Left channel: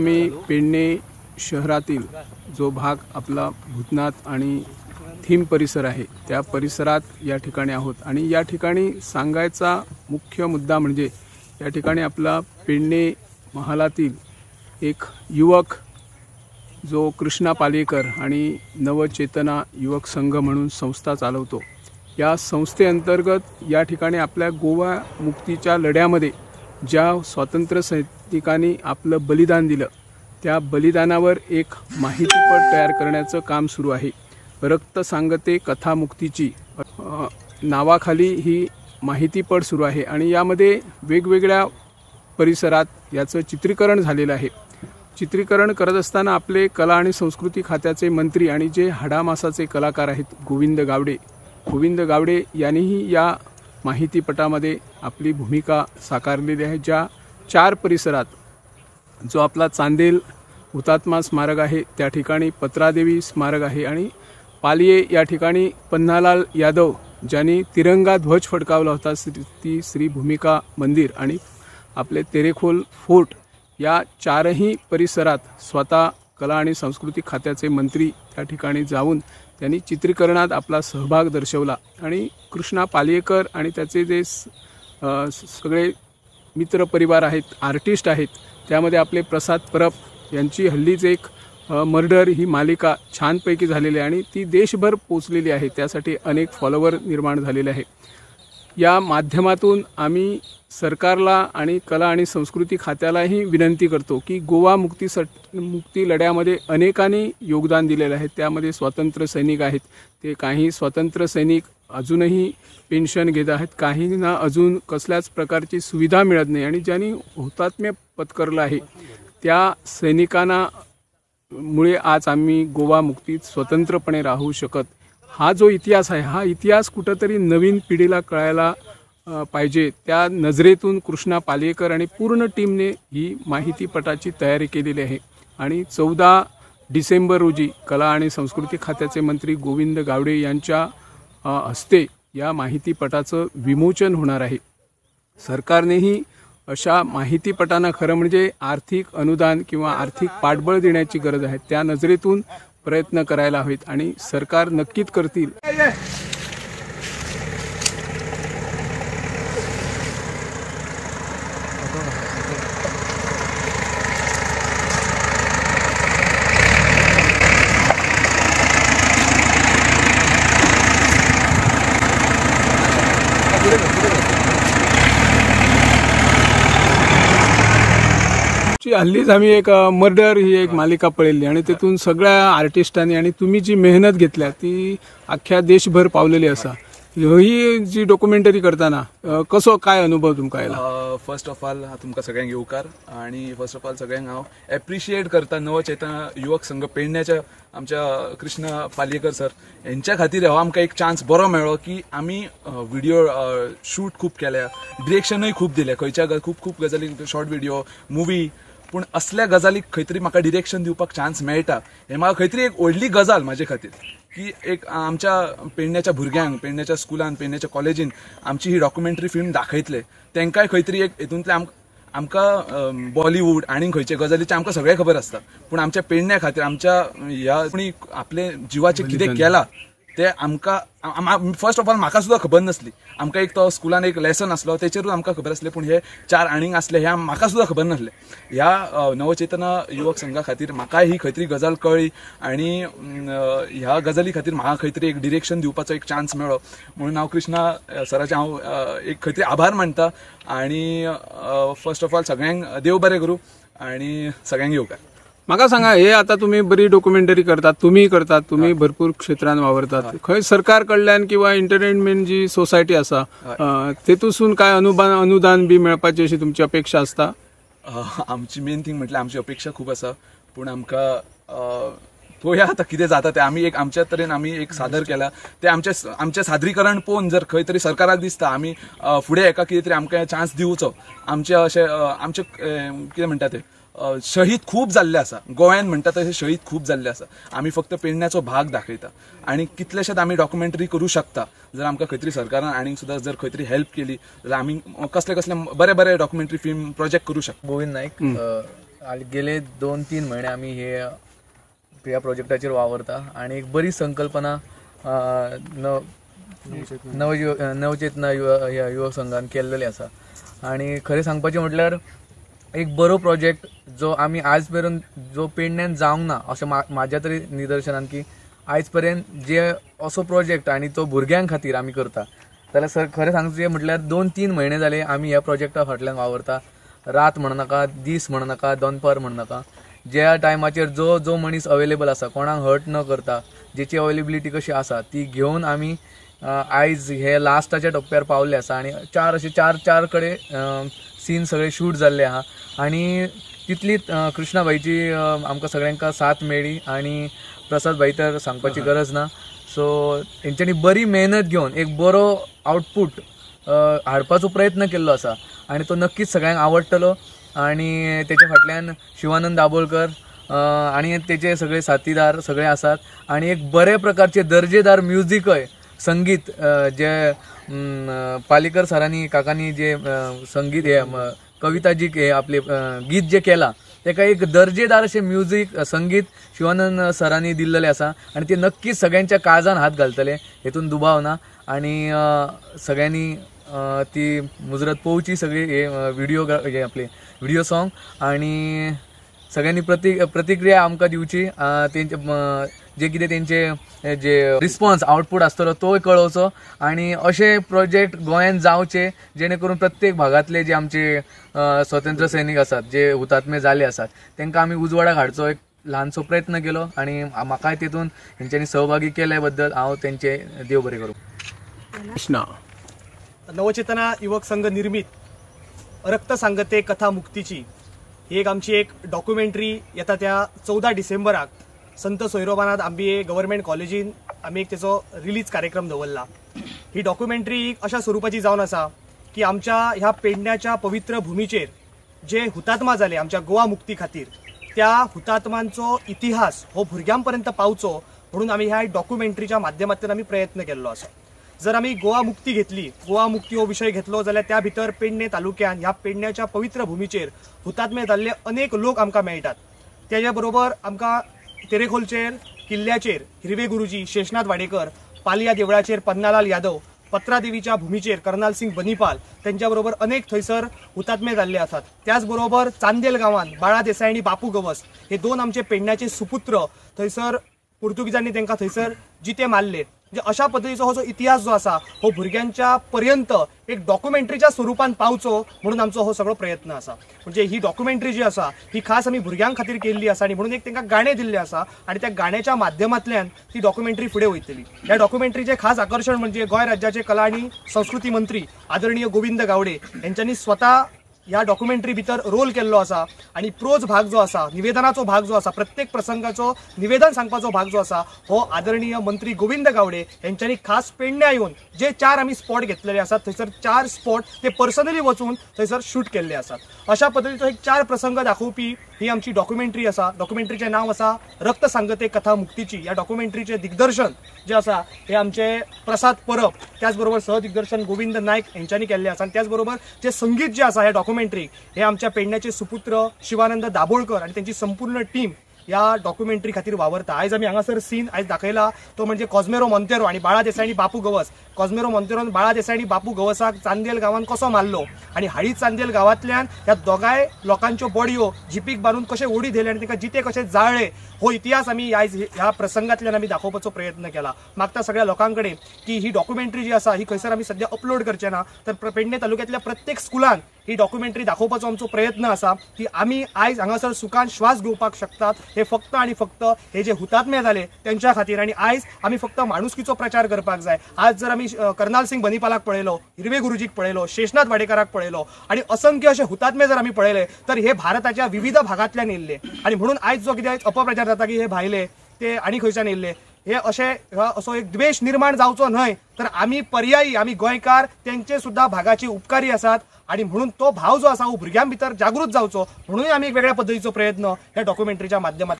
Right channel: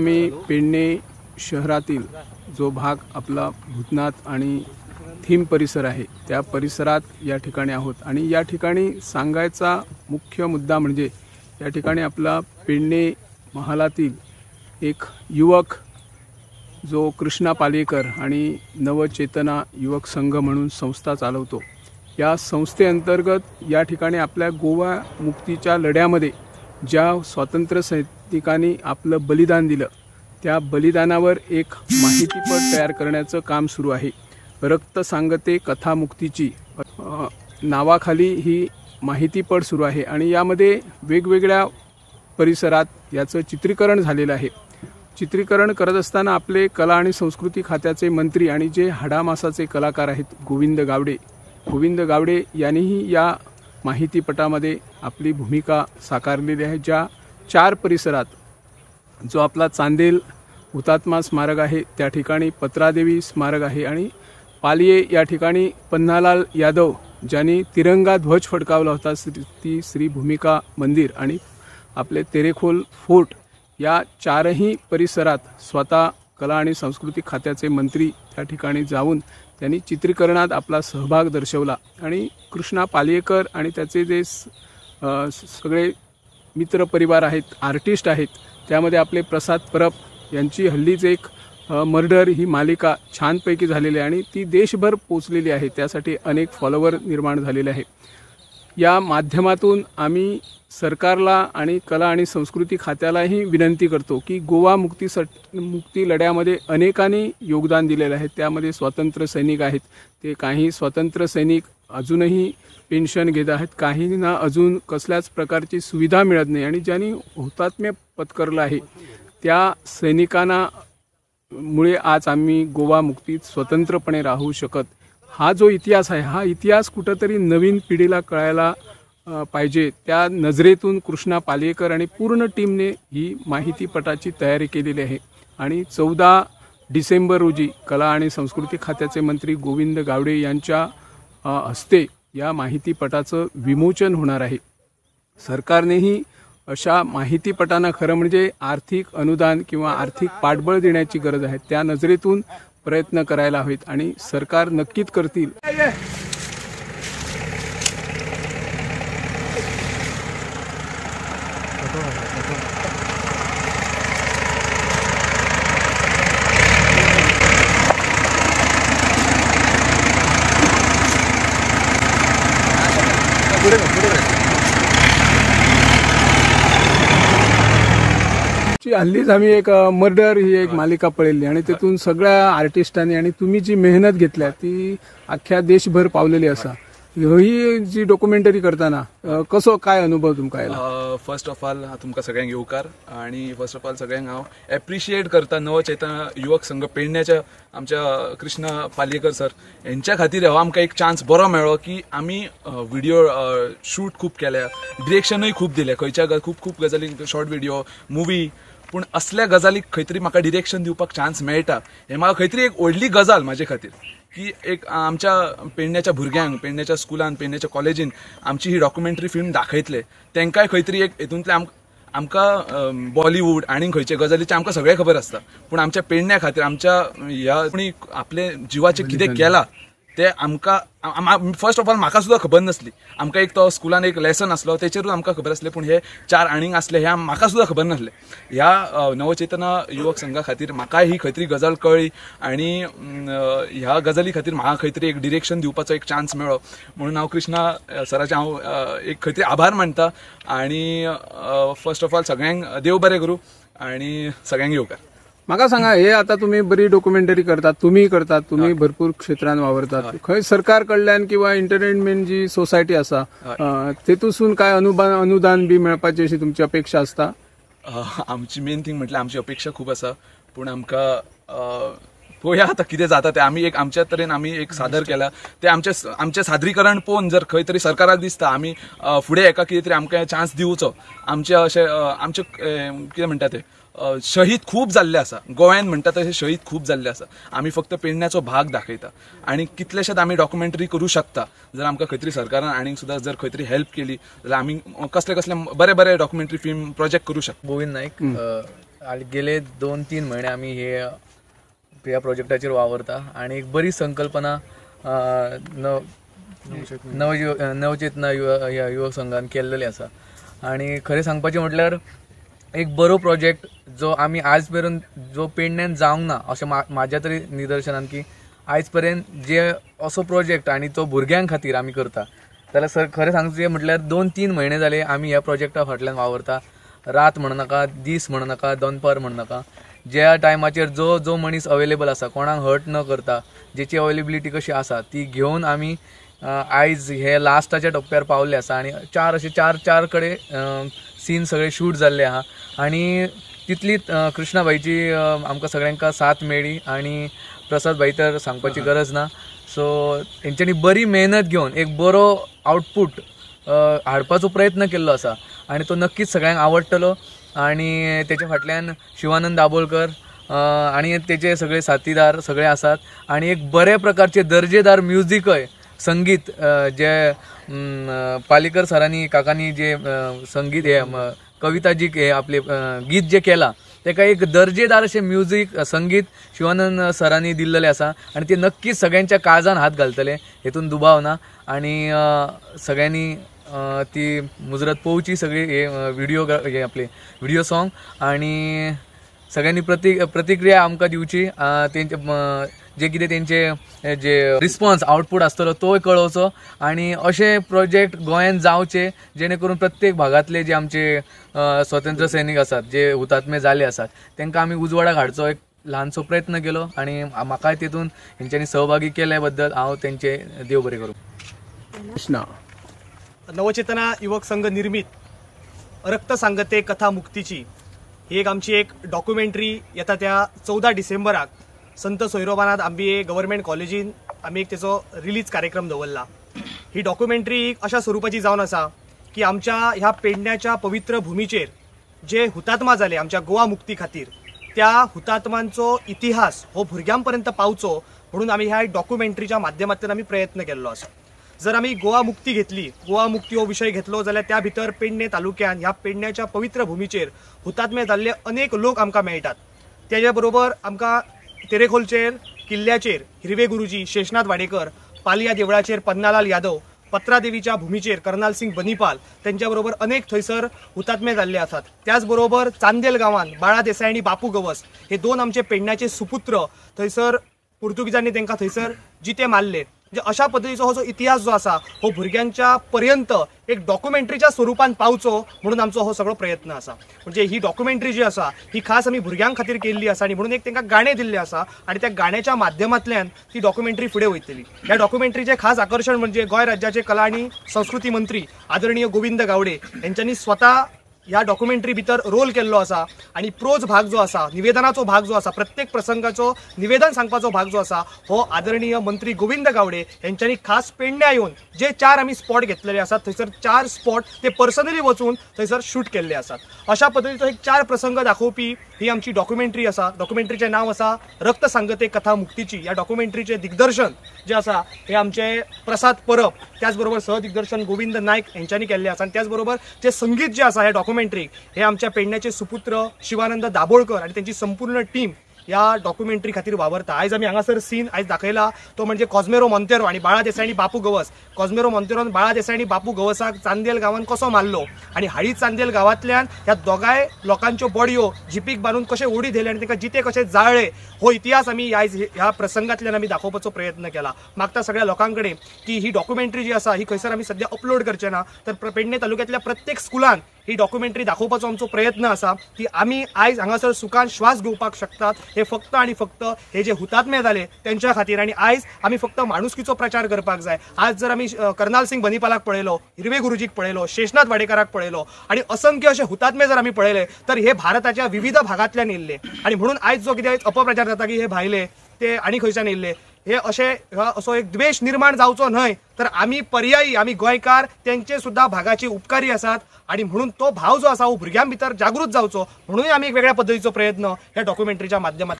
आम्ही पेडणे शहरातील जो भाग आपला भूतनाथ आणि थीम परिसर आहे त्या परिसरात या ठिकाणी आहोत आणि या ठिकाणी सांगायचा मुख्य मुद्दा म्हणजे या ठिकाणी आपला पेडणे महालातील एक युवक जो कृष्णा पालेकर आणि नवचेतना युवक संघ म्हणून संस्था चालवतो। या संस्थेअंतर्गत या ठिकाणी आपल्या गोवा मुक्तीच्या लढ्यामध्ये ज्या स्वातंत्र्य सैनिकांनी आपलं बलिदान दिलं त्या बलिदानावर एक माहितीपट तयार करण्याचं काम सुरू आहे। रक्त सांगते कथा मुक्तीची नावाखाली ही माहितीपट सुरू आहे आणि यामध्ये वेगवेगळ्या परिसरात याचं चित्रीकरण झालेलं आहे। चित्रीकरण करत असताना आपले कला आणि संस्कृती खात्याचे मंत्री आणि जे हाडामासाचे कलाकार आहेत गोविंद गावडे यांनीही या माहितीपटामध्ये आपली भूमिका साकारलेली आहे। ज्या 4 परिसरात जो आपला चांदेल हुतात्मा स्मारक आहे त्या ठिकाणी पत्रादेवी स्मारक आहे आणि पालिये या ठिकाणी पन्नालाल यादव ज्यांनी तिरंगा ध्वज फडकावला होता ती श्री भूमिका मंदिर आणि आपले तेरेखोल फोर्ट या 4ही परिसरात स्वतः कला आणि सांस्कृतिक खात्याचे मंत्री त्या ठिकाणी जाऊन त्यांनी चित्रीकरणात आपला सहभाग दर्शवला आणि कृष्णा पालेकर आणि त्याचे जे सगळे मित्र परिवार आहेत आर्टिस्ट आहेत त्यामध्ये आपले प्रसाद परब यांची हल्लीच एक मर्डर ही मालिका छानपैकी झालेली आहे आणि ती देशभर पोहोचलेली आहे। त्यासाठी अनेक फॉलोअर निर्माण झालेले आहे। या माध्यमातून आम्ही सरकारला आणि कला आणि संस्कृती खात्यालाही विनंती करतो की गोवा मुक्ती लढ्यामध्ये अनेकांनी योगदान दिलेले आहे। त्यामध्ये स्वातंत्र्य सैनिक आहेत, ते काही स्वातंत्र्य सैनिक अजूनही पेन्शन घेत आहेत, काहींना अजून कसल्याच प्रकारची सुविधा मिळत नाही आणि ज्यांनी हुतात्म्य पत्करलं आहे त्या सैनिकांना मुळे आज आम्ही गोवा मुक्तीत स्वतंत्रपणे राहू शकत। हा जो इतिहास आहे हा इतिहास कुठेतरी नवीन पिढीला कळायला पाहिजे। त्या नजरेतून कृष्णा पालेकर आणि पूर्ण टीमने ही माहितीपटाची तयारी केलेली आहे आणि 14 डिसेंबर रोजी कला आणि संस्कृती खात्याचे मंत्री गोविंद गावडे यांच्या हस्ते या माहितीपटाचं विमोचन होणार आहे। सरकारनेही अशा माहितीपटांना खरं म्हणजे आर्थिक अनुदान किंवा आर्थिक पाठबळ देण्याची गरज आहे। त्या नजरेतून प्रयत्न करायला हवेत आणि सरकार नक्कीच करतील। हल्लीच आम्ही एक मर्डर ही एक मालिका पळली आणि त्यातून सगळ्या आर्टिस्टांनी आणि तुम्ही जी मेहनत घेतल्या ती अख्ख्या देशभर पावलेली असा। ही जी डॉक्युमेंटरी करताना कसो काय अनुभव तुमकां आयला? फर्स्ट ऑफ ऑल तुमकां सगळ्यांक येवकार आणि फर्स्ट ऑफ ऑल सगळ्यांक हांव एप्रिशिएट करता नवचेतना युवक संघ पेडण्याच्या आमच्या कृष्णा पालेकर सर यांच्या खातीर हो आमकां एक चान्स बरो मेळ्ळो की आमी व्हिडिओ शूट खूप केल्या, डिरेक्शनूय खूप दिलें, खंयच्या खूप गजाली शॉर्ट व्हिडिओ मूवी, पूण असल्या गजालीक खंय तरी म्हाका डिरेक्शन दिवपाक चान्स मेळटा हे म्हाका खंय तरी एक व्हडली गजाल म्हाजे खातीर की एक आमच्या पेडण्याच्या भुरग्यांक पेडण्याच्या स्कुलान पेडण्याच्या कॉलेजीन आमची ही डॉक्युमेंटरी फिल्म दाखयतले तेंकाय खंय तरी एक हेतूंतले आमकां बॉलिवूड आणि खंयचे गजालीचे आमकां सगळें खबर आसता पूण आमच्या पेडण्या खातीर आमच्या ह्या कोणी आपले जिवाचे कितें केलां ते आमकां फर्स्ट ऑफ ऑल म्हाका सुद्दां खबर नासली। आमकां एक तो स्कुलान एक लेसन आसलो तेचेरूच आमकां खबर आसलें पूण हे 4 आनीक आसले हे म्हाका सुद्दां खबर नासलें। ह्या नवचेतना युवक संघा खातीर म्हाकाय ही खंय तरी गजाल कळ्ळी आणि ह्या गजाली खातीर म्हाका खंय तरी एक डिरेक्शन दिवपाचो एक चान्स मेळ्ळो म्हणून हांव कृष्णा सराचे हांव एक खंय तरी आभार मानता आणि फर्स्ट ऑफ ऑल सगळ्यांक देव बरें करूं आणि सगळ्यांक येवकार। म्हाका सांगा हे आता तुम्ही बरी डॉक्युमेंटरी करतात, तुम्ही भरपूर क्षेत्रांत वावरतात, खंय सरकार कडल्यान किंवा एंटरटेनमेंट जी सोसायटी आसा तेतून काय अनुदान बी मेळपाची अशी तुमची अपेक्षा आसता? आमची मेन थिंग म्हटल्यार आमची अपेक्षा खूप आसा पूण आमकां पळोवया आतां कितें जाता ते। आमी एक आमच्या तरेन आमी एक सादर केला ते आमचे सादरीकरण पळोवन जर खंय तरी सरकाराक दिसता आमी फुडें एका कितें तरी आमकां चान्स दिवचो। आमचे अशें आमचे कितें म्हणटा ते शहीद खूप जाल्ले आसा गोव्यान म्हणटा तशें शहीद खूप जाल्ले आसा। आमी फक्त पेडण्याचो भाग दाखयता आणि कितलेशेच आमी डॉक्युमेंटरी करू शकता जर आमकां खंय तरी सरकारान आनीक सुद्दां जर खंय तरी हेल्प केली जाल्यार आमी कसले कसले बरे बरे डॉक्युमेंटरी फिल्म प्रोजेक्ट करू शकता। गोविंद नाईक गेले 2-3 महिने आम्ही ह्या प्रोजेक्टाचेर वावरता आणि एक बरी संकल्पना नवचेतना युवक संघान केल्लेली आसा आणि खरें सांगपाचें म्हटल्यार एक बरो प्रोजेक्ट जो आमी आज पर्यंत जो पेडण्यान जावंक ना अशें म्हाज्या तरी निदर्शनान की आज पर्यंत जे असो प्रोजेक्ट आणि तो भुरग्यां खातीर आमी करता जाल्यार खरें सांगचें म्हटल्यार 2-3 महिने जाले आमी ह्या प्रोजेक्टा फाटल्यान वावरता. रात म्हणनाका, दीस म्हणनाका, दनपार म्हणनाका, ज्या टायमाचेर जो मनीस अवेलेबल आसा, कोणाक हर्ट न करता, जेची अवेलेबिलिटी कशी आसा ती घेवन आमी आयज हे लास्टाच्या टप्प्यार पावले आसा आणि चार कडेन सीन सगळे शूट जाल्ले आहा आणि तितलीच कृष्णाबाईची आमकां सगळ्यांका साथ मेळ्ळी आणि प्रसाद भाई तर सांगपाची गरज ना. सो तेंच्यांनी बरी मेहनत घेवन एक बरो आउटपूट हाडपाचो प्रयत्न केल्लो आसा आणि तो नक्कीच सगळ्यांक आवडटलो आणि त्याच्या फाटल्यान शिवानंद दाबोळकर आणि तेचे सगळे साथीदार सगळे आसात आणि एक बऱ्या प्रकारचे दर्जेदार म्युझिकय संगीत जे पालेकर सरांनी काकांनी जे संगीत हे कविता जी हे आपली गीत जे केला तेका एक दर्जेदार असे म्युझिक संगीत शिवानंद सरांनी दिल्लेले आसा आणि ते नक्कीच सगळ्यांच्या काळजान हात घालतले, हितून दुबाव ना. आणि सगळ्यांनी ती मुजरत पोवची सगळी हे आपले व्हिडिओ सॉन्ग आणि सगळ्यांनी प्रतिक्रिया आमकां दिवची, जे कितें तेंचे जे रिस्पॉन्स आउटपूट आसतलो तो कळोवचो आणि असे प्रोजेक्ट गोंयांत जावचे जेणे करून प्रत्येक भागातले जे आमचे स्वतंत्र सैनिक आसात जे हुतात्मे जाले आसात तांकां आमी उजवाडाक हाडचो एक ल्हानसो प्रयत्न केलो आणि म्हाका तेतून तेंच्यांनी सहभागी केल्या बद्दल हांव तेंचे देव बरें करूं. कृष्णा नवचेतना युवक संघ निर्मित रक्त सांगते कथा मुक्तीची ही एक आमची एक डॉक्युमेंटरी येता त्या 14 डिसेंबराक संत सोयरोबानाथ आंबिये गव्हर्नमेंट कॉलेजीन आमी एक तेचो रिलीज कार्यक्रम दवरला. ही डॉक्युमेंटरी अशा स्वरूपाची जावन आसा की आमच्या ह्या पेडण्याच्या पवित्र भूमीचेर जे हुतात्मा जाले आमच्या गोवा मुक्ती खातीर त्या हुतात्मांचो इतिहास हो भुरग्यांपर्यंत पावचो म्हणून आमी ह्या डॉक्युमेंटरीच्या माध्यमांतल्यान आमी प्रयत्न केल्लो आसा. जर आमी गोवा मुक्ती घेतली, गोवा मुक्ती हो विषय घेतलो जाल्यार त्या भितर पेडणे तालुक्यान ह्या पेडण्याच्या पवित्र भूमीचेर हुतात्मे जाल्ले अनेक लोक आमकां मेळटात. त्याच्या बरोबर आमकां तेरेखोलचेर किल्ल्याचेर हिरवे गुरुजी, शेषनाथ वाडेकर, पालिया देवळाचेर पन्नालाल यादव, पत्रा देवीच्या भूमीचेर कर्नाल सिंग बनीपाल त्यांच्या बरोबर अनेक थंयसर हुतात्मे जाल्ले आसात. त्याचबरोबर चांदेल गांवांत बाळा देसाई आणि बापू गवस हे दोन आमचे पेडण्याचे सुपुत्र थंयसर पुर्तुगीजांनी तांकां थंयसर जिते मारले. अशा पद्धतीचो हो जो इतिहास जो आसा हो भुरग्यांच्या पर्यंत एक डॉक्युमेंटरीच्या स्वरूपान पावचो म्हणून आमचो हो सगळो प्रयत्न आसा. म्हणजे ही डॉक्युमेंटरी जी आसा ही खास आमी भुरग्यां खातीर केल्ली आसा आणि म्हणून एक तांकां गाणे दिल्ले आसा आणि त्या गाण्याच्या माध्यमांतल्यान ती डॉक्युमेंटरी फुडें वयतली. ह्या डॉक्युमेंटरीचे खास आकर्षण म्हणजे गोंय राज्याचे कला आणि संस्कृती मंत्री आदरणीय गोविंद गावडे यांच्यांनी स्वतः ह्या डॉक्युमेंटरी भितर रोल केल्लो आसा आणि प्रोज भाग जो आसा, निवेदनाचो भाग जो आसा, प्रत्येक प्रसंगाचो निवेदन सांगपाचो भाग जो आसा हो आदरणीय मंत्री गोविंद गावडे यांच्यानी खास पेडण्यां येवन जे 4 आमी स्पॉट घेतलेले आसात थंयसर 4 स्पॉट ते पर्सनली वचून थंयसर शूट केल्ले आसात. अशा पद्धतीचो एक 4 प्रसंग दाखोवपी ही आमची डॉक्युमेंटरी आसा. डॉक्युमेंटरीचे नाव आसा रक्त सांगते कथा मुक्तीची. या डॉक्युमेंटरीचे दिग्दर्शन जे आसा हे आमचे प्रसाद परब, त्याचबरोबर सहदिग्दर्शन गोविंद नायक यांच्यानी केल्ले आसा आणि त्याचबरोबर जे संगीत जे आसा हे डॉक्युमेंटरी हे आमच्या पेडण्याचे सुपुत्र शिवानंद दाबोळकर आणि त्यांची संपूर्ण टीम या डॉक्युमेंटरी खातीर वावरता. आयज आमी हांगासर सीन आयज दाखयला तो म्हणजे कॉस्मेरो मोंतेरो आणि बाळा देसाई आणि बापू गवस. कॉस्मेरो मोंतेरोन बाळा देसाई आणि बापू गवसाक चांदेल गांवांत कसो मारलो आणि हाळी चांदेल गांवांतल्यान ह्या दोगांय लोकांच्यो बॉडयो जिपीक बांदून कशे ओडी दिले आणि तांकां जिते कशे जाळले हो इतिहास आमी आयज ह्या प्रसंगांतल्यान आमी दाखोवपाचो प्रयत्न केला. मागता सगळ्या लोकांकडे की ही डॉक्युमेंटरी जी आसा ही खंयसर आमी सध्या अपलोड करचे ना, तर पेडणे तालुक्यातल्या प्रत्येक स्कुलान ही डॉक्युमेंटरी दाखोवपाचो आमचो प्रयत्न आसा की आमी आयज हांगासर सुखान श्वास घेवपाक शकतात. हे फक्त आणि फक्त हे जे हुतात्मे जाले त्यांच्या खातीर आणि आयज आमी फक्त माणुसकीचो प्रचार करपाक जाय. आज जर आमी कर्नाल सिंग बनीपालाक पळयलो, हिरवे गुरुजीक पळयलो, शेषनाथ वाडेकराक पळयलो आणि असंख्य असे हुतात्मे जर आमी पळयले तर हे भारताच्या विविध भागांतल्यान येयल्ले आणि म्हणून आयज जो कितें अपप्रचार जाता की हे भायले ते आनी खंयच्यान येयल्ले हे असो एक द्वेष निर्माण जावचो न्हय, तर आमी पर्यायी आमी गोंयकार त्यांचे सुद्धा भागाचे उपकारी आसात आणि म्हणून तो भाव जो आसा हो भुरग्यां भितर जागृत जावचो म्हणून आमी एक वेगळ्या पद्धतीचो प्रयत्न ह्या डॉक्युमेंटरीच्या माध्यमांतल्यान